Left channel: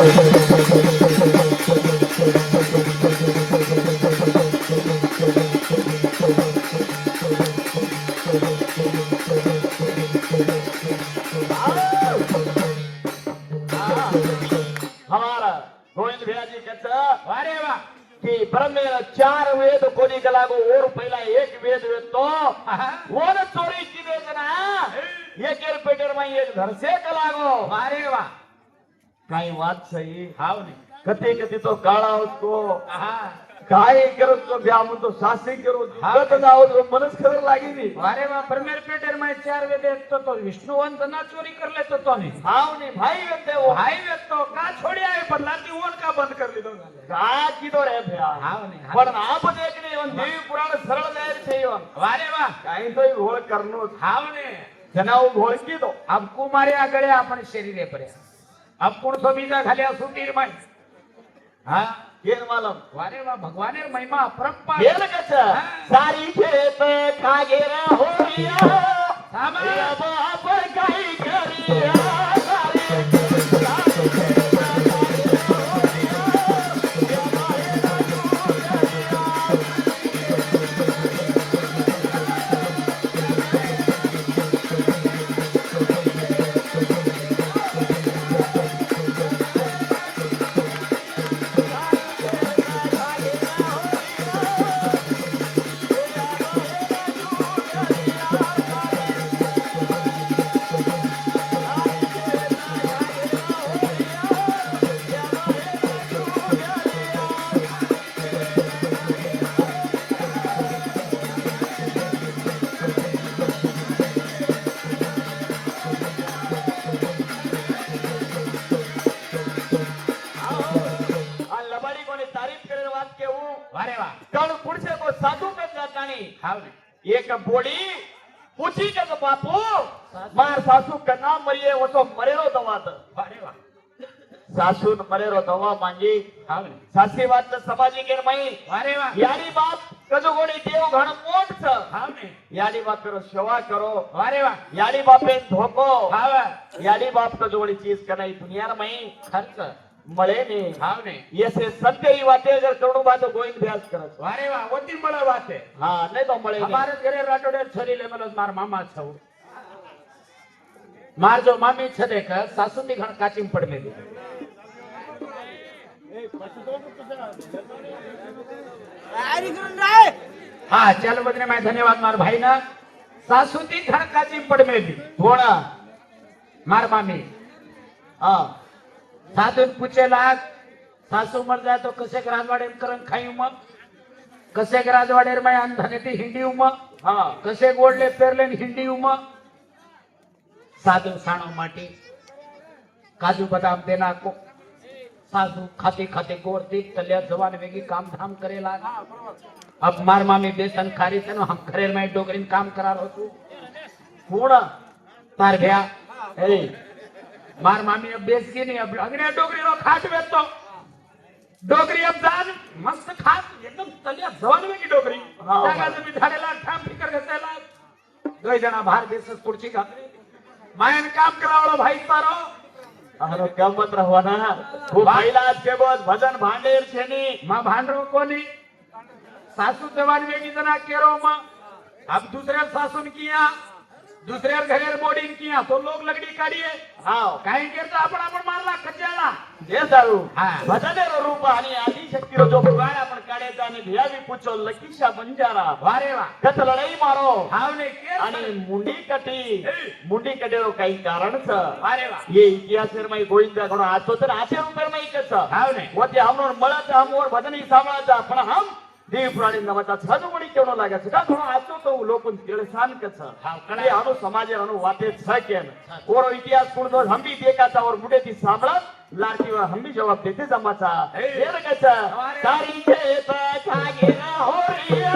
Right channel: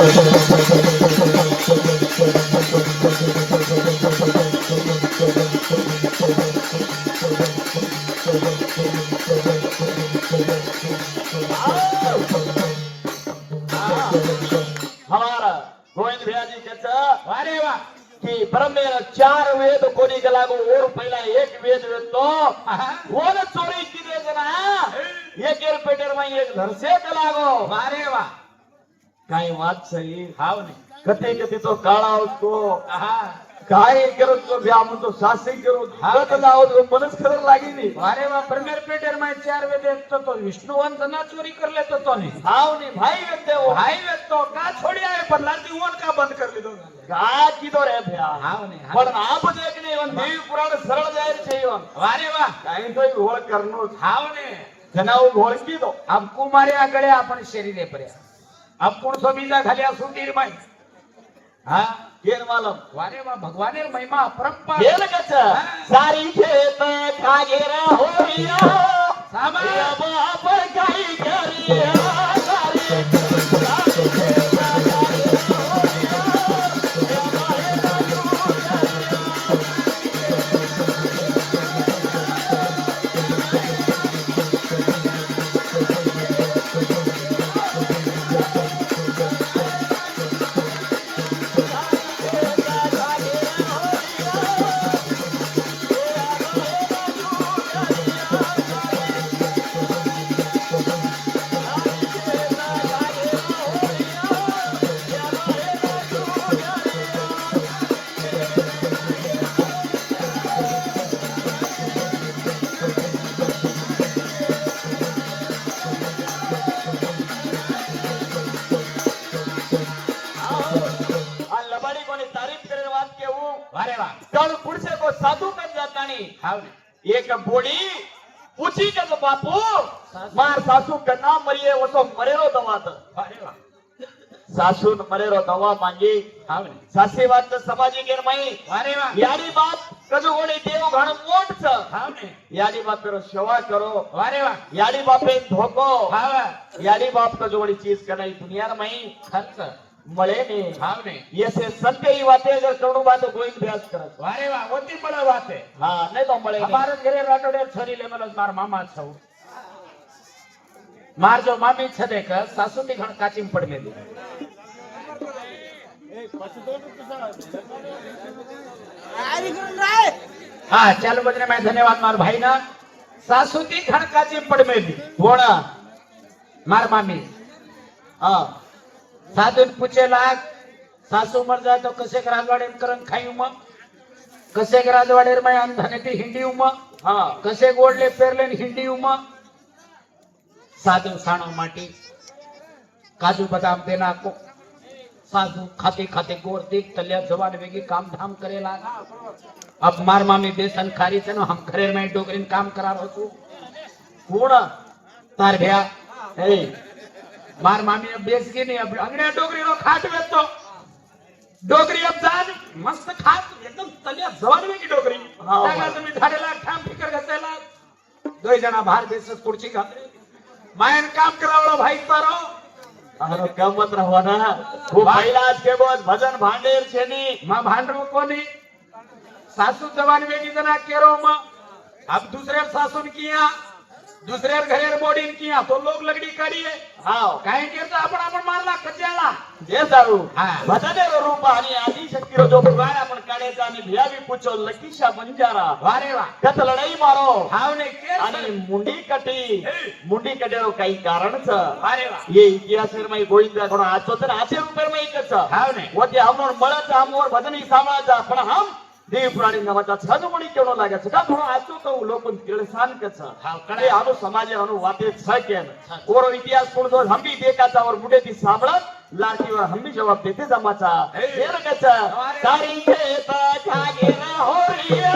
गोविंद भैया जी कहता अरे वाह कि ब्रह्म में 4 वेद कोणी गेला गो और पहिला एक वेद वेदतो वो न चोरी की वेद ना एक पेटर में एक घर से चला गो अरे वाह काही बात सही हाव नहीं कते कते तो काळा उसको काय करो तो ब्याह में तो सासी करो हाव तो लाओ तो मनस खबर लागी नहीं अरे वाह प्रीमियर पेटर में 4 वेद तो विष्णुवंत ना चोरी कर लेतो तो नहीं हाव नहीं भाई वेद वो भाई वेद तो का छोड़ी आए पर लाती वन का बंद कर ली दो का कीधो रे भैया हाव नहीं पण आप देखने हम देवी पुराण सरळ जाहीर छे अरे वाह काही तो घोळ करनो हाव नहीं जनाव घोळ कीधो अब कुमारे आगळे आपण शरीरे पर्या अब कुण सो बीजा घाल्या सुटीर माई हां केर मालम वारे वाह भगवानेर महिमा अपरंपार केल कच सारी खेत खागेरा होलिया साबा बाप काही करिया एक बोड़ी पूछी जब बापू मार सासू कना मरिये वो तो मरेरो दवा तो अरे वाह सासू मरेरो दवा मांगी हाव ने सासी बात तो समाजी केर मई अरे वाह यारी बात कजोगोड़ी देव घण मोट छ हाव ने यारी बात करो सेवा करो अरे वाह यारी बापे धोको हाव यारी बाप कजोगोड़ी चीज कनाई दुनिया मई खर्च मळे ने हाव ने ऐसे सत्य ही बातें अगर करोड़ बात गोविंद व्यास करत अरे वाह होती बड़ा बात है हां नहीं तो मळे हमारे घरे राटोडे छरी ले मला मार मामा छौ मार जो मामी छदे का सासू ती घण काचीम पडले दे हां चल बजने मैं धन्यवाद मार भाई ना सासू ती घण काचीम पडमे दी कोणा मार मामी हां साधून पूछेला सासू मर जाए तो कसे राजवाडेर करन खाई मग कसे राजवाडेर में अंधने ती हिंडी उम हां कसे गोडले पेरले हिंडी उम साधू साणा माटी काजू बदाम देना को साधू खाते खाते गोर देख तलिया जवान वेगी काम धाम करेला अब मार मामी बेसन खारी थे हम घरे में डोगरीन काम करा रहो छू कोणा तार भैया ए मार मामी अब देश की नहीं अब अंगड़िया डोगरी नो खाट वेतो डोगरी अब जान मस्त खाट एकदम तलिया जवान वेगी डोगरी जागा तुम्ही झाडेला ठाम फिकर घातलेला दोय जना बाहेर देशच पुढची घातली मायन काम करावं भाई तारो अरे गमत रहो ना वो पहिला के बोस भजन भांडेर छेनी मां भांडरो कोनी सासू जवान वेगी जना केरो मां अब दूसरे सासुन किया दूसरे घरेर बोर्डिंग किया तो लोग लगड़ी काढिये हां काही करता आपण मारला कच्याला दे दारू हां भजनेर रूप आणि आदि शक्ती जो भगवान आपण काढायचा आणि भिया भी पूछो लकीशा बंजारा वारे वा कत लढाई मारो हावने के आणि मुंडी कटेरो काही कारण छ वारे वा ये इतिहास में गोविंद कोण आजो तर आचे रुपये में एकच हावने वते हमर मळाचा हमर भजनी सामाळाचा पण हम देव प्राणी नमता छजमुडी केवो लागे छ का थोडो आतो तो लोकन तिळसान कछ हाव कणे आनो समाजे अनु वाते छ के कोरो इतिहास पुढो हम भी देखाचा और मुडे ती सामळत लाटीवर हम भी जवाब देते जमाचा हेर कछ तारी खेत खागे न होरिया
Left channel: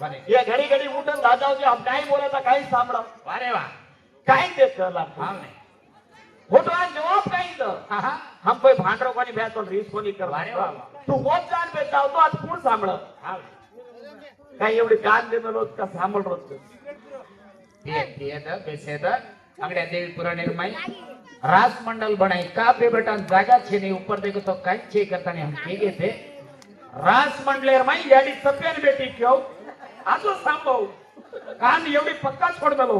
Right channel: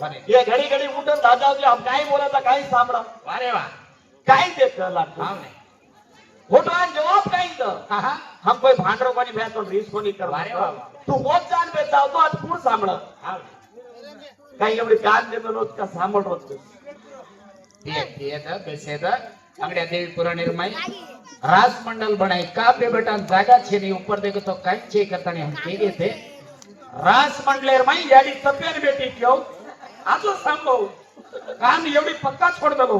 बरे. ये घड़ी घड़ी उठून राजाजी हम काही बोलायचा काही सांभळा अरे वा काही देत लागतो हा नाही. होता जवाब काही तर आहा. हम कोई भांडरो कोनी भैया तो रीस कोनी कर अरे वा. तू होत जान पे जाऊ तो आज कोण सांभळत हा नाही. काही एवढी कान देतो रोज का सांभळ रोज अंगड़िया देवी पुरा निर्माई रास मंडल बनाई का बेटा जागा छे नहीं ऊपर देखो तो काई छे करता नहीं हम के थे रास मंडलेर माई याडी सपेर बेटी क्यों आजो सांभो कान एवढी पक्का छोड़ दलो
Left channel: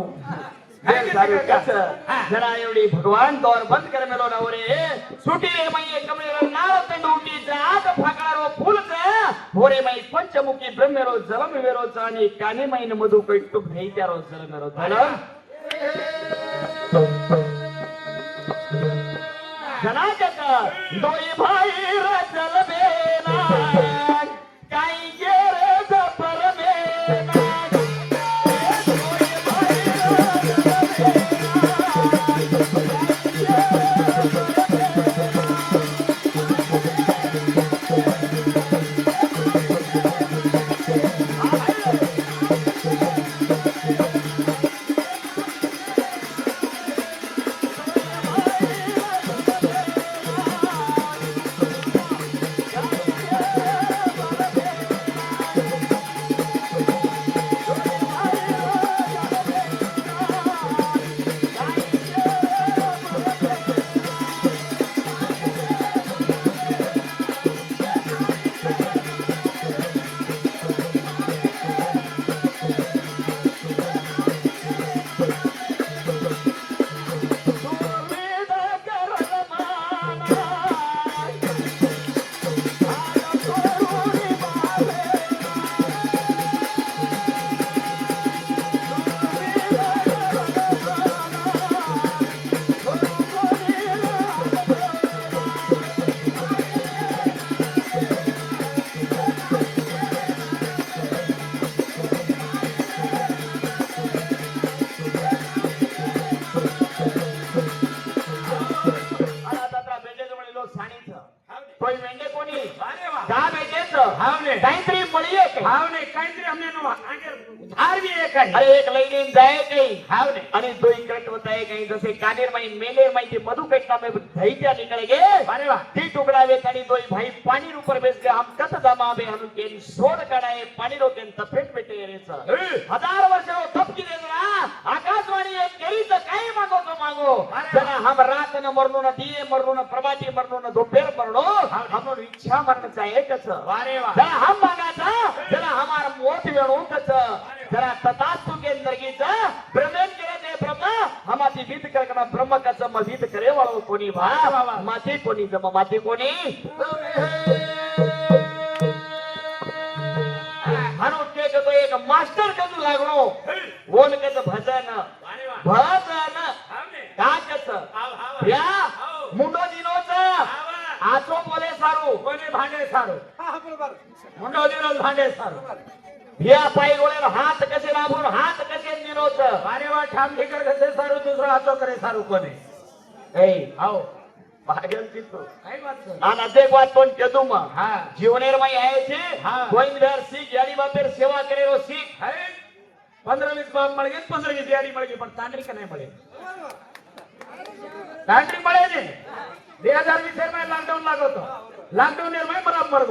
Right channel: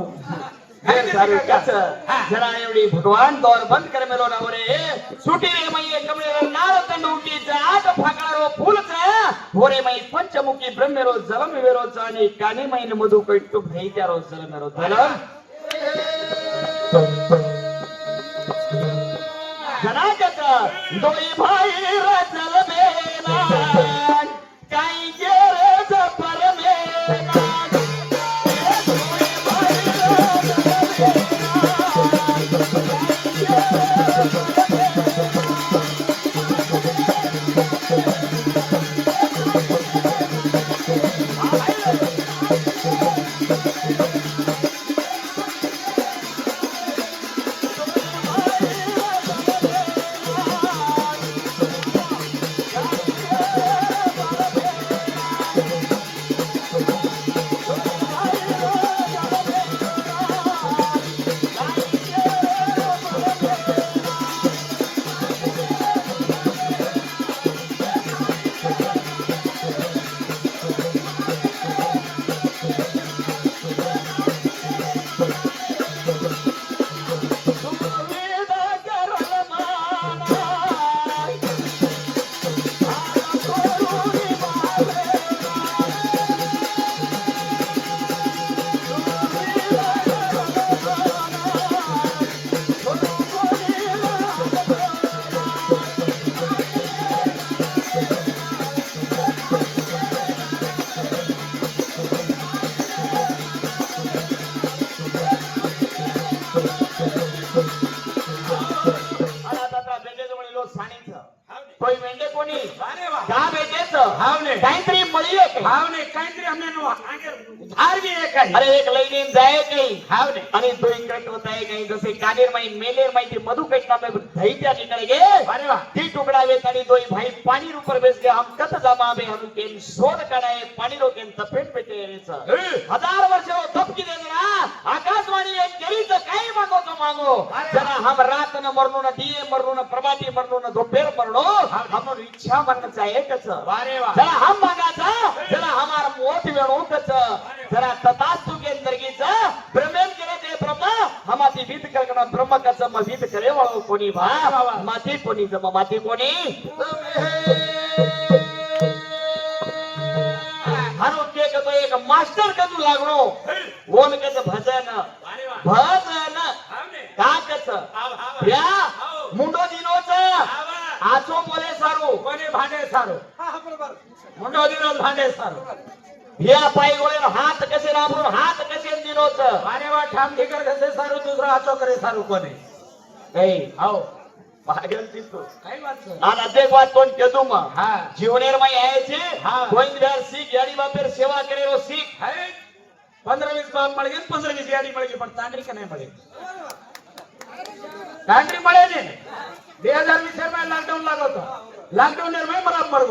जरा एवढी भगवान दौर बंद कर मेलो ना रे सुटी रे मैये कमरे नाव तंडूटी जाग फाकळारो फूलचा भोरे माई पंचमुखी ब्रह्मेरो जलम वेरो चानी काने मैन मधु कट्टू भई त्यारो जलमेरो जलम जनागत दोई भाई रचल बेला काई गेरे जपर बेला अरे एक लईन जाय काही हाव ने आणि तो इकडे होताय काही जसे कानेर माई मेलेर माई ते मधु कटना में धई त्या निकल गे अरे वाह ती टुकड़ा वे तारी दोई भाई पानी ऊपर बेस के हम कत जमा में हम केन सोड कराए पानी रो केन तपेट पेटे रेच हजार वर्ष तप की देगी ना आकाशवाणी एक केली तो काय मागो तो मागो जरा हम रात न मरनो न दिए मरनो न प्रभाती मरनो न दोपहर मरनो हम इच्छा मरन चाहिए कच अरे वाह जरा हम मागाचा जरा हमारा मोठ वेणो कच जरा ततास्तु के अंदर की जा ब्रह्मन करे ते ब्रह्म हमाती विध करना ब्रह्म का जम विध करे वालो कोणी भा माती कोणी जम माती कोणी हनु के तो एक मास्टर कदू लागनो ओन के भजन भजन का कच या मुंडो दिनोच आचो बोले सारू कोणी भांडे सारू हा बरोबर मुंडो दिनो भांडे सारू भिया पाई गोळे हात कसे राबून हात कसे दिनोच अरे वा ठाम ठिकर कसे सारू दुसरा हातो करे सारू कोणी ए आओ भागल तितो काय बात છે આ નાતે વાત કોણ કેતું માં હા જીવનેર માં આયે છે હા. ગોવિંદરાજ સિંહ ગાડી બાપેર સેવા કરેલો સિંહ અરે 15-20 બાપ મળી ગઈ 15-20 ગાડી મળી ગઈ પણ તાંડરી કને મળી તાંડરી મળે ને 2020 માં લોકડાઉન લાગો તો લોકડાઉન ને મેં બરાબર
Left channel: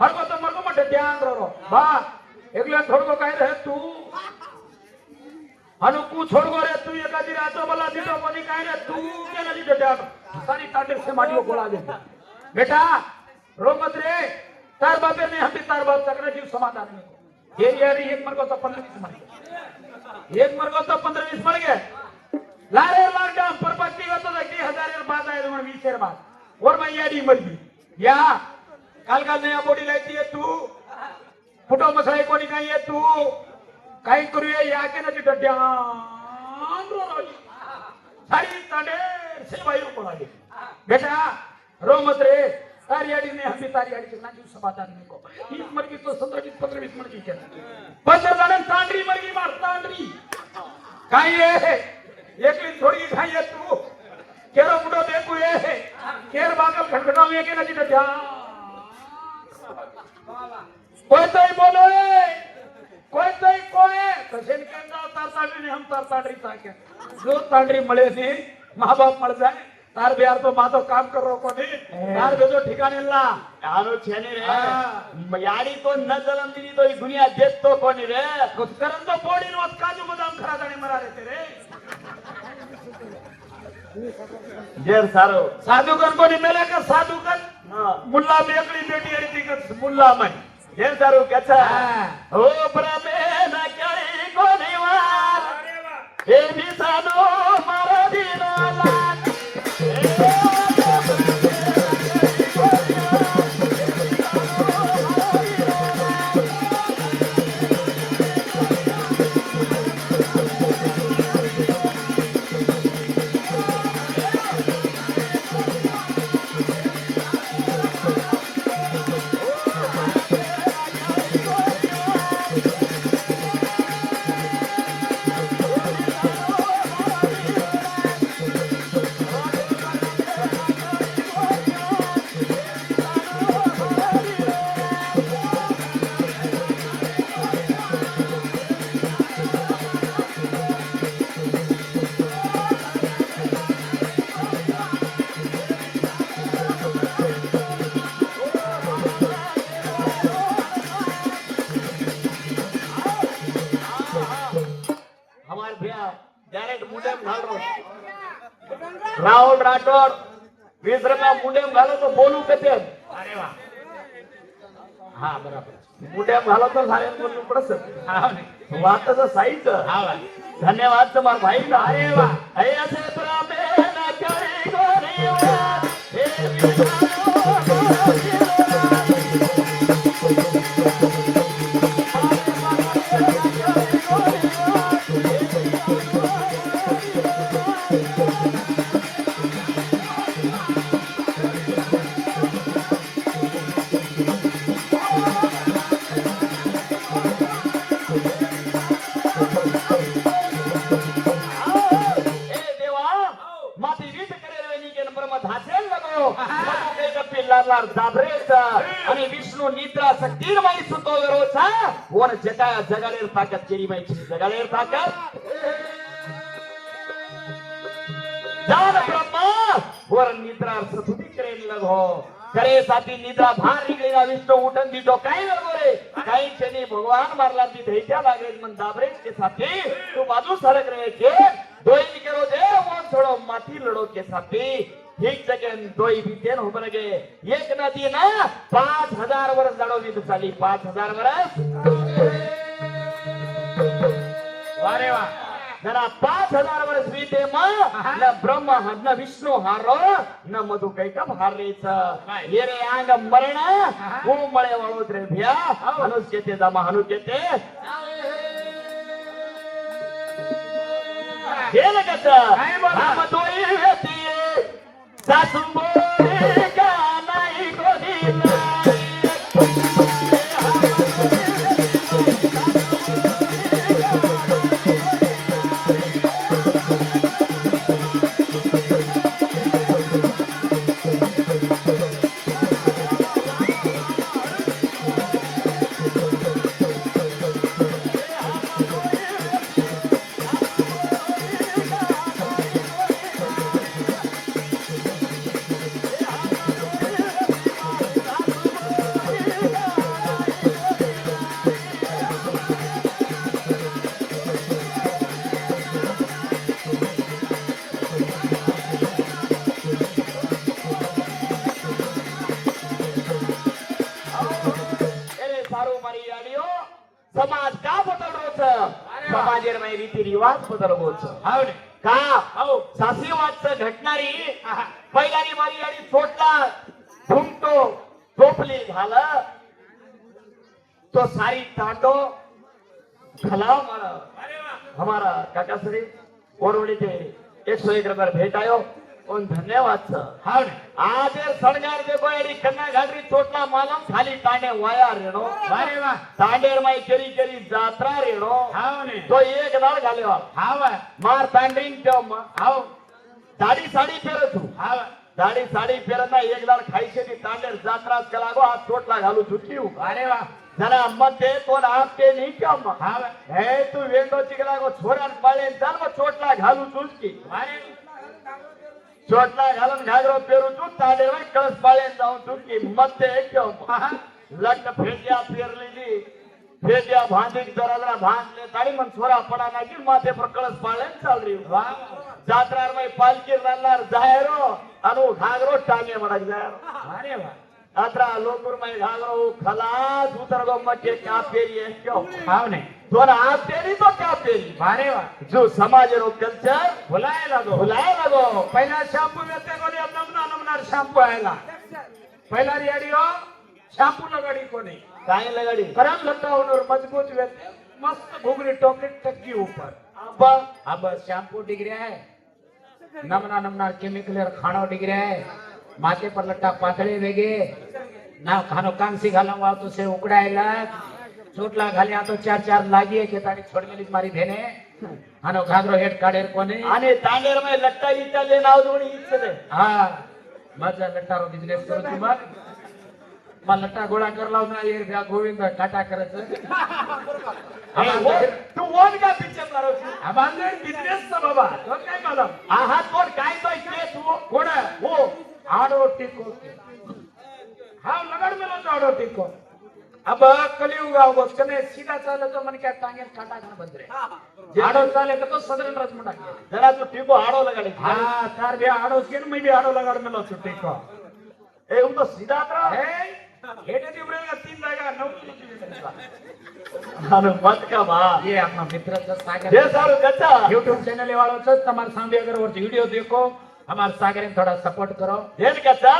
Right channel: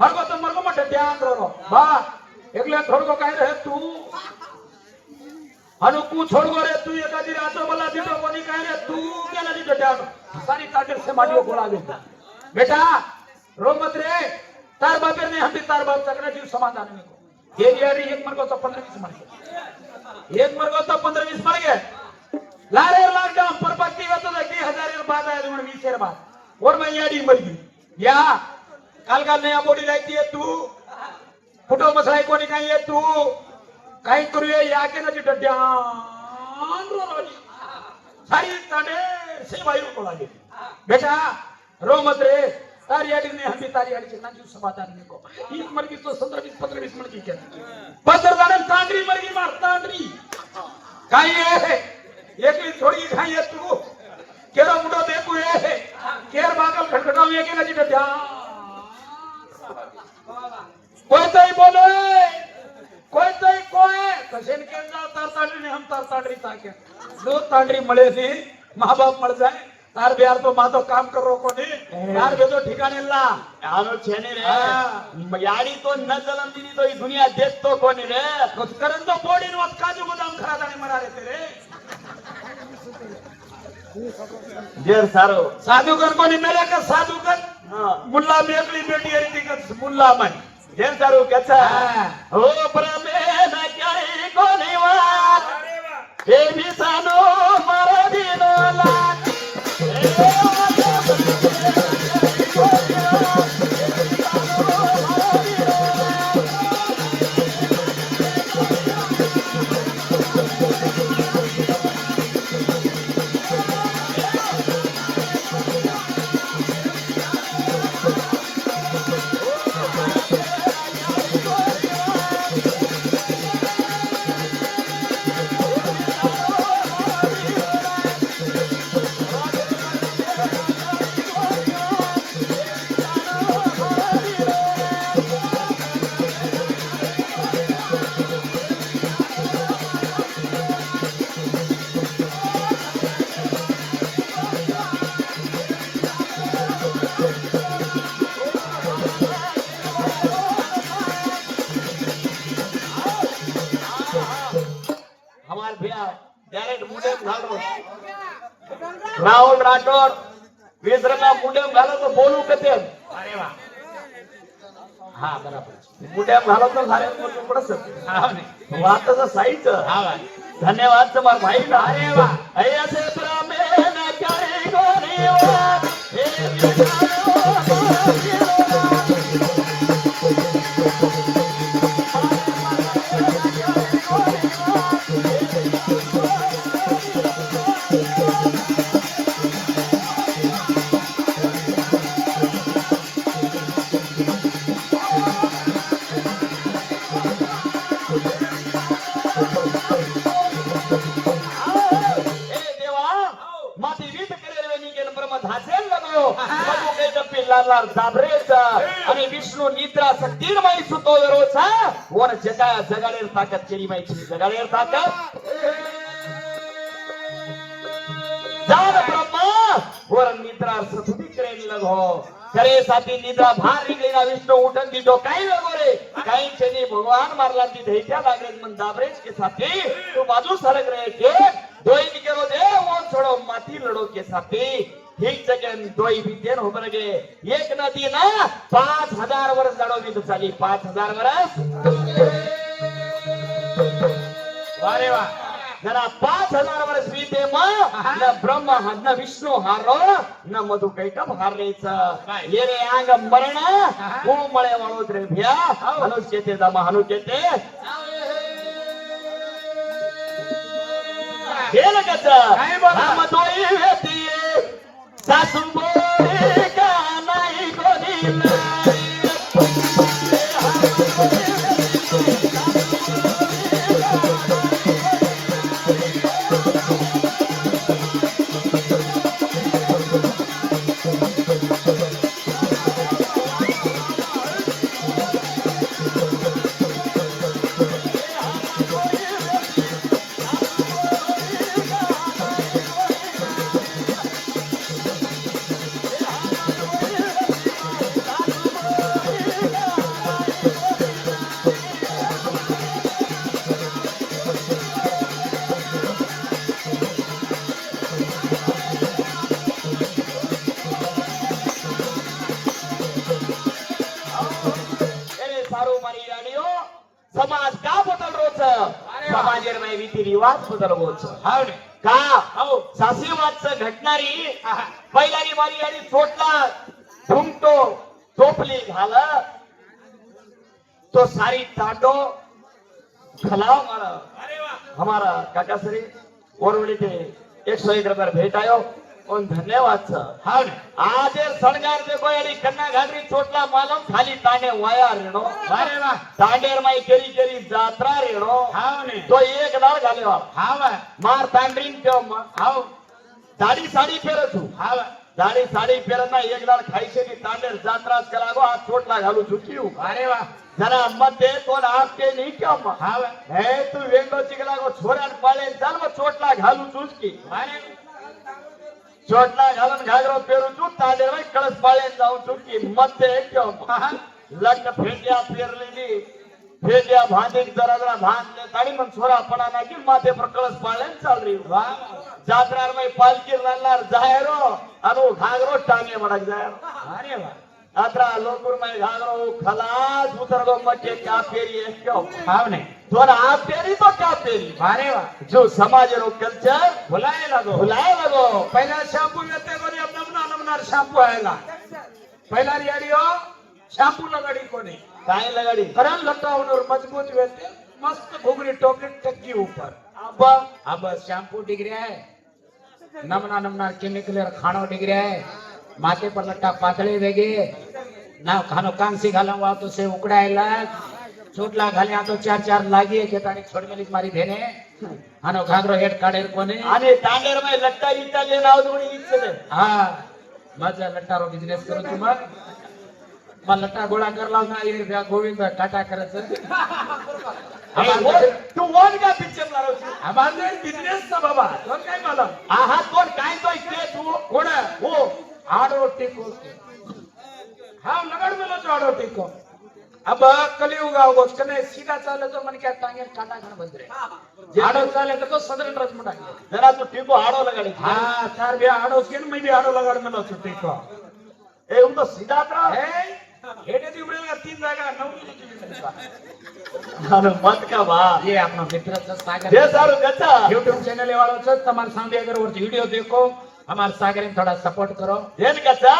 મરગો તો મરગો માટે ધ્યાન રહો બા એકલા થોડકો કાઈ રહે તું અનુ કુ છોડવો રે તું એક દી રાતો બોલા દીધો કોની કાઈ રે તું કેને દીધો ધ્યાન સારી તાંડરી से माडियो बोला दे बेटा रोमत रे तार बापे ने हटी तार बाप तकने जीव समाधान नहीं ये यारी एक मरगो तो 15-20 मर गए एक मरगो तो 15-20 मर गए लारे लॉकडाउन पर बाकी होता था 2000 बाद आया तुमने 20 बाद और मैं यारी मर गई या काल का नया बॉडी रहती है तू फुटो मसाई को नहीं है तू कहीं करिए या के नहीं तो ध्यान सारी ताने से भाई को लगे बेटा रो मत रे तारी आड़ी ने हम भी तारी आड़ी से नाजू समाधान नहीं को एक मर की तो 15-20 मर की क्या बस दाने तांडरी मर की मार तांडरी काई है एक ही थोड़ी खाई है तू केरो मुंडो देखू है केर बागल खटखटाओ ये के नहीं तो ध्यान कोई तो बोलोय कोई तोय कोय कसे निकलना तार तांडरी ने हम तार तांडरी ताके दो तांडरी મળે છે माँ बाप मळ जाय तार बिहार तो मातो काम करो कोणी तार बेदो ठिकाणी ला આનો છે ને રે યાડી તો ન જલમ દીધી તો ઈ દુનિયા દેખતો કોની રે कुछ करन तो बोडी नो काजू बदाम खरा दाणी मरा रे तेरे જેર સારો साधुकर कोणी मेला का साधुकर હા मुल्ला मेली बेटी आहे ती का मुल्ला माय જેર સારું કથા હા. ઓ પ્રમે ન ક્યાંય કોની વાત अरे वाह હે વિસાનો મારા દીનો લાગ हमार भैया डायरेक्ट मुंडे घालो राहुल राठोड विसरमा मुंडे घालो तो बोलू कते अरे वाह हा बराबर मुंडे घालो तो सारे बोलू पडस हा नाही वातचं साईच हा वाह धन्यवाद तुम्हार भाई का अरे वाह हे असे प्रमे न काही गोरी वाट हे ए देवा माती वीट करेल नी गेल ब्रह्म धासेल लगो लगो के जपी लालार जाबरेचा आणि विष्णू निद्रा शक्तिर्मय सुतो रोचा वन जगा जगाडेर ताकद केली माहिती जगाडेर ताकद जान ब्रह्मा वर निद्रा सुती करेल लगो करे साथी निद्रा भार निघलेला विष्णू उठन दीजो काही लगो रे काही क्षणी भगवान मारला ती धैर्या लागले मन दाबरेच के साथी तू बाजू सरक रहे के दोई निकलो दे वन छोड़ो माती लड़ो के साथी ठीक जगह दोई भी देन हो बन गए एक नदी ना 5000 वर्ष लड़ोगी तो चाली 5000 वर्ष अरे वाह जरा 5000 वर्ष बीते मां न ब्रह्मा न विष्णू हारो न मधु कैका हारलेचा ये रे अंग मरण वो मळे वाळू द्रव्या अनुष्यते जमा हनुकेते हे लगत हम दोई व्यक्ती सासून बोले का नाही कोणी समाज का बदल रोच समाजेर में रीती रिवाज बदल रोच हावडे का हो सासीवादच घटणारी पहिल्यानी मारी आणि सोडला घुमतो टोपली घाला तो सारी तांडो भला हमारा अरे वाह हमारा काका श्री ओरवडी ते 101 रुपये भेट आयो और धन्यवाद सर हावडे आज सणगार देखो एडी कन्या घागरी छोटला मालम खाली तांडे वाया रेणो अरे वाह तांडेर माई केली केली जात्रा रेणो हावडे तो एक दार घाल्यो हावा मार तांडरीन केम हाव साडी साडी फेरत तू हावा दाढी साडी पेरणा एक लाड खायचे तांडेर जात्राच केला गो आज चोटला घालू चुकी अरे वा जरा मध्ये कोण आपते नाही का मग हा वा. हे तू वेगळो चिकला गो छोरान पाळे चाल मग चोटला घालू चुकी अरे चोटला घालून घागरो पेरू तू तांडे कळस पाळे जाऊन चुकी मध्ये एक लग्न फेट्या पेरलेली फेट्या भांडीक जरा जरा भांड काढी मग छोरा पडा नाही माथे पर कळस पाळे चाल रही वा जात्रार में पालकी राहणार जायरो आणि घागरो टांगे मडक जाय अरे वा आत्रा लोकुर में घागरो खलास उतर गो मटे क्या फेरी है क्यों हाव ने तोरा आप फेरी तो क्या फेरी अरे वा जो समाज रो कल्चर भुलाए लगो भुलाए लगो पहिला शॅम्पू येते बरी नमनार शॅम्पू आयला पहिला रेडिओ शॅम्पू लगाडी कोणी काय लगाडी खराब लटकावून मजबूत वेते मस्त घुगरी टोकरी टक्की ऊपर अब्बा अब शैम्पू डिग्री है नमना नमना केमिकल खाना डिग्री है माथे पर लट्टा पाकळे वेगे ना खानो कांसी घाला वा तो से उकडायला चोटला घाल्या तो चार चार लागी के ताणी छोडमेलीत मारी भेने आनो घागरो हेड काढेल कोणी आणि तांडेर में लट्टा इटा ले नाव दोणी इच्छे हा माझा लट्टारो बिझनेस करू तू मग मला लट्टा गोळा करला ना ये गोविंद टाटा करायचं तू वन का पिक्चर मारो आम्हाला बिझनेस चा बाबा कोण काय मला आहा कोण काय तो इकडे तू कोण हो आडो टिको हाँ लगड़ में लो आडो टिको अब कलियुग आओ कने सीधा चाले तो मन क्या तांगे टाटा का बंदरे आडो चाले तो सदर रच मुडा जरा तू टिको हाडो लगाडी हाँ तार भी आडो स्किन में भी आडो लगड़ में लो टिको ए उनको सीधा करा है हेडे दिवरे 3 जागा 9 अरे मत का बा ये अपना मित्र का सागर ये सारू गच्चा YouTube चैनल वालों से तमार सामने अगर वो वीडियो देखो हमारे सागर में थोड़ा सपोर्ट करो ये गच्चा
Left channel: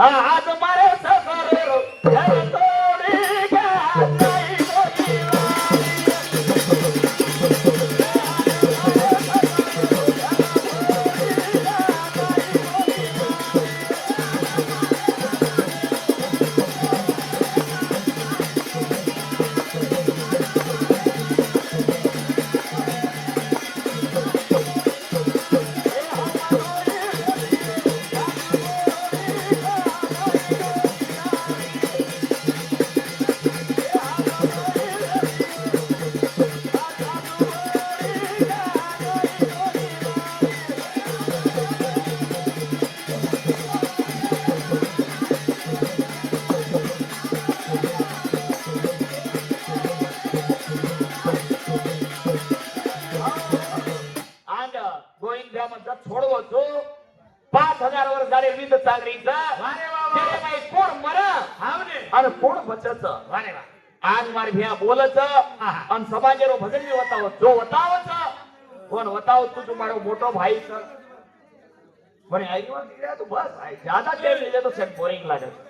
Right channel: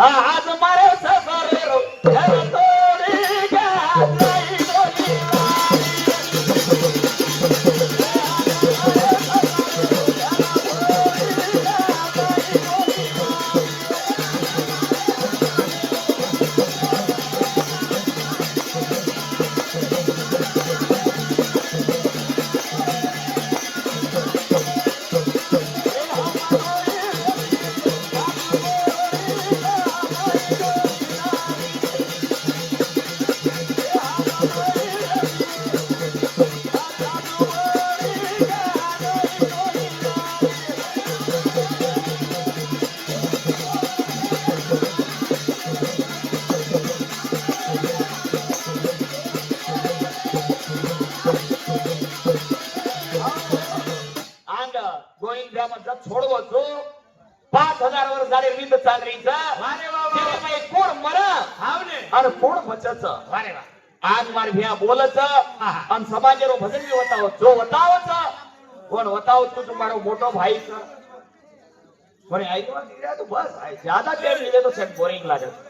हां आज मारे सफर रो जय तोड़ी का नहीं कोई छोड़ो जो 5000 वर गाडी विंद चाल रही का अरे वा वा. तेरे काही कोण मरा हावने आणि कोण बचच अरे वा आज मार भिया बोलच आणि समाजेरो भजन भी होता जो होतावच कोण होताव तू तुम्हारो मोटो भाई का कोणी ऐकवा दिल्या तो बस ज्यादा टाइम लिहिले तो सेट बोरिंग लागत